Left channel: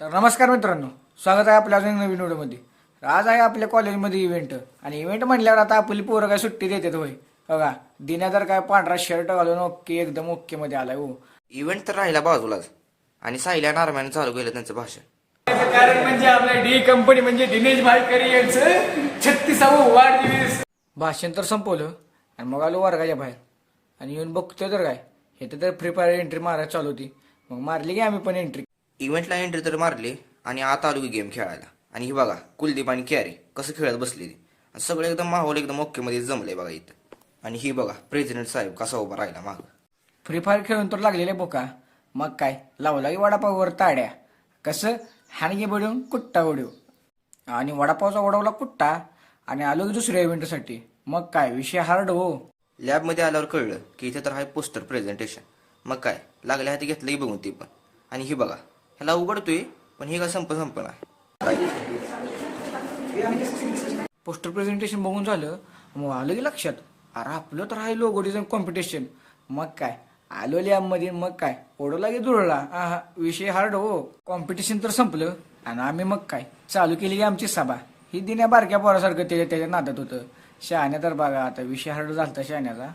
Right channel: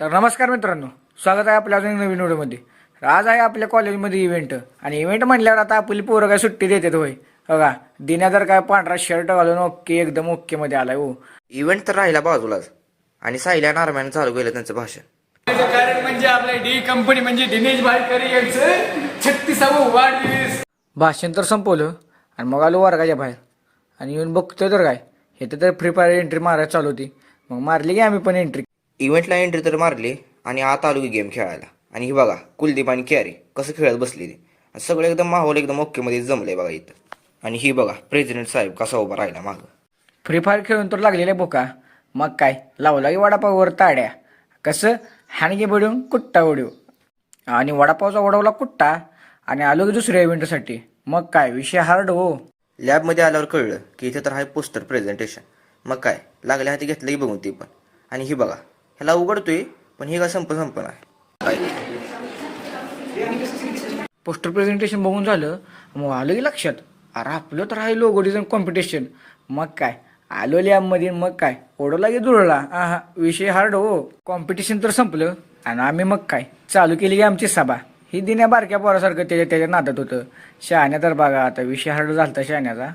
तर नमस्कार मित्रांनो, स्वागत आहे आपल्या अजून नवीन व्हिडिओमध्ये. आज आहे आपल्या कॉलेजमध्ये इव्हेंट. आणि इव्हेंट म्हणल्यावर आता आपली पोरं काय सुट्टी देतात होय. बघा दिन्या तर काय पांढरा शर्ट घालून ओके एकदम ओके मध्ये आलाय. हो, इव्हेंट तर राहिला बाजूलाच आणि सायल्या नारम्यानं चालू केलं त्यांचं भाषण. त्याचं कारण म्हणजे आपल्या डी कंपनी म्हणजे दिनेश भाईकरी यांचं 36वा वाढदिवस. भाषण तर संपवलं आणि मग आलो वर्गाच्या बाहेर आणि येऊन बघतोय तर काय, हे तर फ्री फायर एंट्री मारायला चालू होती. मग मारली की आम्ही पण एंट्री. इव्हेंटला एंट्री तर मारली आणि आता आलो की गेम खेळायला. आणि ही बघा कुलदीप आणि कॅरी कसं खेळत बसलेली. आणि सगळं एकदम माहोल एकदम ओकेमध्ये जमलंय बघा इथं. आणि ही बघा प्रेसिडेंट साहेब कसा उभा राहिला मागं. फ्री फायर खेळून तर लागलेले बोका. मग काय लावला की वडापाववर ताड्या. कसं हाणगे बडून कुट्टा उडू आणि वडापावचा उडवला कुट्टा आणि आलो की दुसऱ्या इव्हेंटसाठी. मग काय विषय हार्ड. हो, लॅबमध्ये आल्यावर कळलं की इथे तर आहे पोस्टर प्रेझेंटेशन. मग काय लागल्या हाती घेतलं की बघून ती पण. आणि ही बघा ह्याला उघडतोय पण ही का संपन आहे काय. पोस्टर प्रेझेंटेशन बघून झालं. मग आलं की लक्षात, अरे आपलं तर आहे लोगो डिझाईन कॉम्पिटिशन. मग काय आलो लॅबमध्ये. मग काय ओढवला की दुरळा. हा विषय हार्ड. हो, कॉम्पिटिशन तर संपलं आणि आम्ही मग काय चालू केली की आमची सभा. ही दिन्या बारक्या पोरासारखं त्याच्या नादात होतं. शहाण्या तर बघा आता विषय हार्ड झालता शहाण्याचा.